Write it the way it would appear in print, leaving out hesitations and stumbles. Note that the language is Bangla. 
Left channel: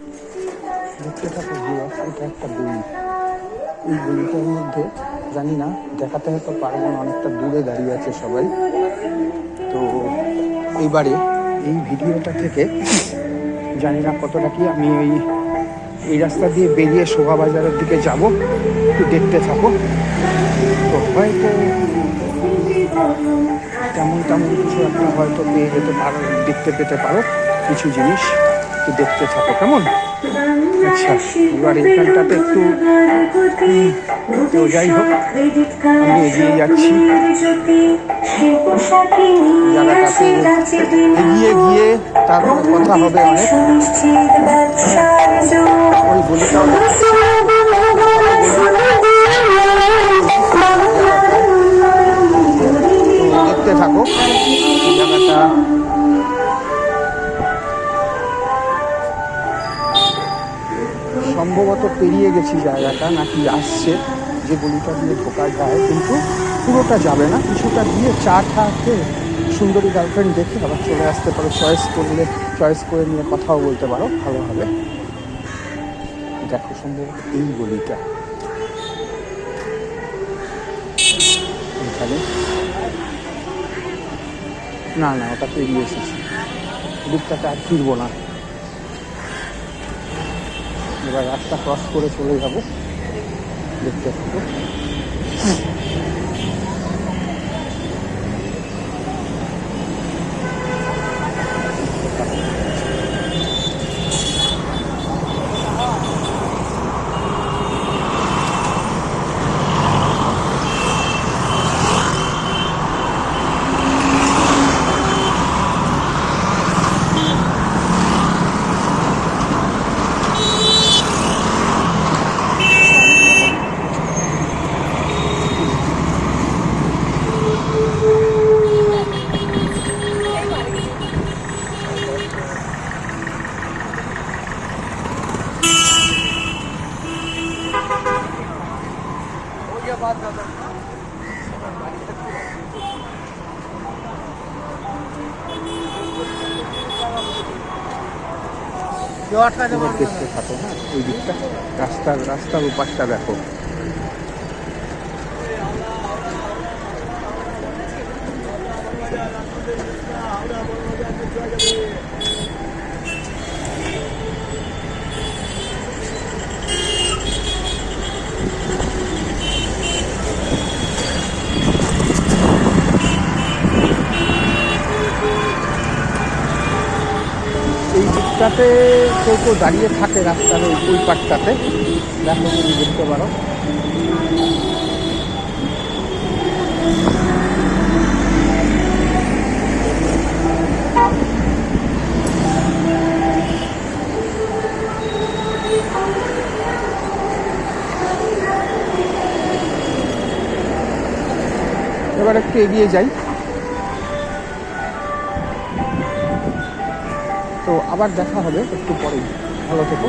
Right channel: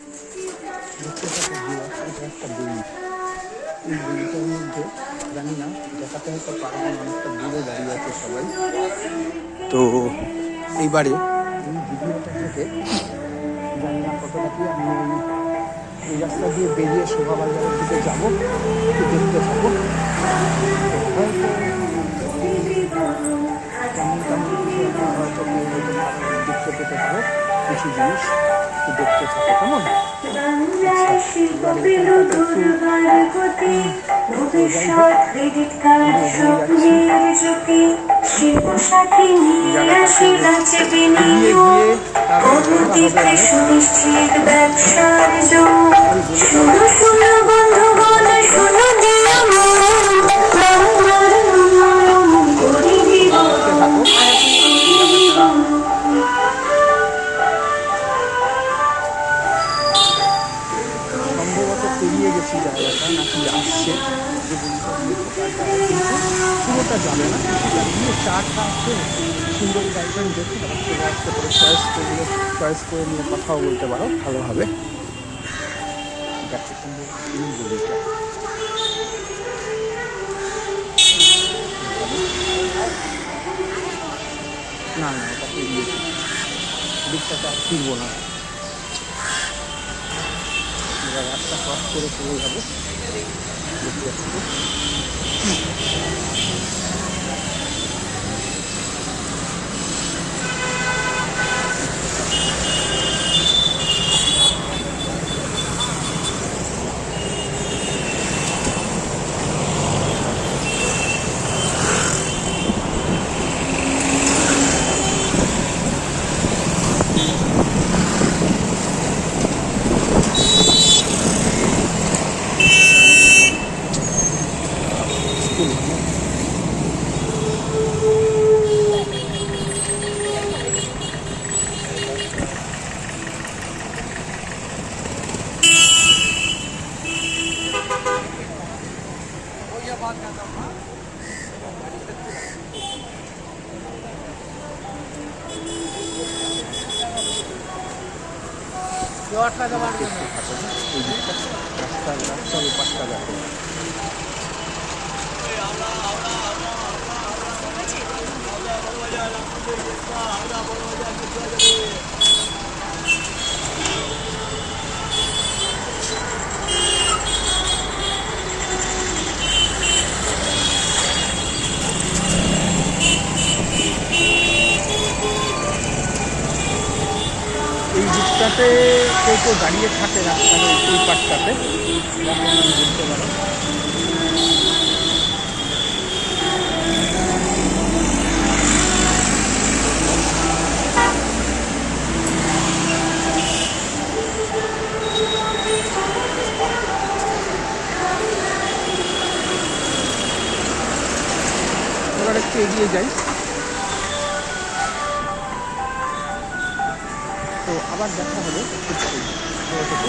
দেখতে থাকো ভিউয়ার্স, এটা একটা বই। এই বইটার মধ্যে জানি না দেখাতে হয়তো পারবো না, অনেকটা দূরে দাঁড়িয়ে আছে সবাই। তো এইবারে এই ভিডিওটা থেকে জানি না কতটা কি, আমি এই রাস্তা দিয়ে বেরিয়ে শোভাবাজারের দিকে যাব, একটু দেখতে থাকো। তো হয়তো তেমন কিছু একটা হয়তো পেয়ে যেতে পারো, দেখতে পেতে পারো কিছু জিনিস, একটু দেখতে থাকো কেমন। আচ্ছা, এবার এখানটাতে একটু তো যাই হোক, আমি এগিয়ে যাচ্ছি জায়গাটাতে, এগিয়ে গিয়ে তারপর কথা হবে অনেক। ওই গলিটাও দেখতে থাকো জায়গাটা। সম্ভবত পেরিয়ে গেছি জায়গাটা, নাকি আসছে যে গলিটা দিয়ে ঢোকা যায়, কিন্তু পুরোটা যাবে না, কিছুটা দিয়ে চা খেয়ে সুন্দরী গার্লফ্রেন্ড দেখে আবার চলে আসতে পারো। চয়েস করে নিয়ে কথাও বলতে পারো, ভালো হবে। দেখো সম্ভবত এই গলিটা, এখানে না ওটা পেরিয়েছি, দিকটাতে আর ফিরবো না। এবার রাস্তা ক্রস করে চলে যাবো, দেখতে থাকবো। দেখতে থাকো না ওই দিকটা, রাস্তার উপাসটা দেখো। এই দিকটাতে কেউ দাঁড়িয়ে থাকে রাস্তার ওই পাটটাতে, দেখো তুমি দেখতে পারো। এবার একটু এগিয়ে যাই, তো আবার দেখা হবে একটু পরে। ভালো থেকো।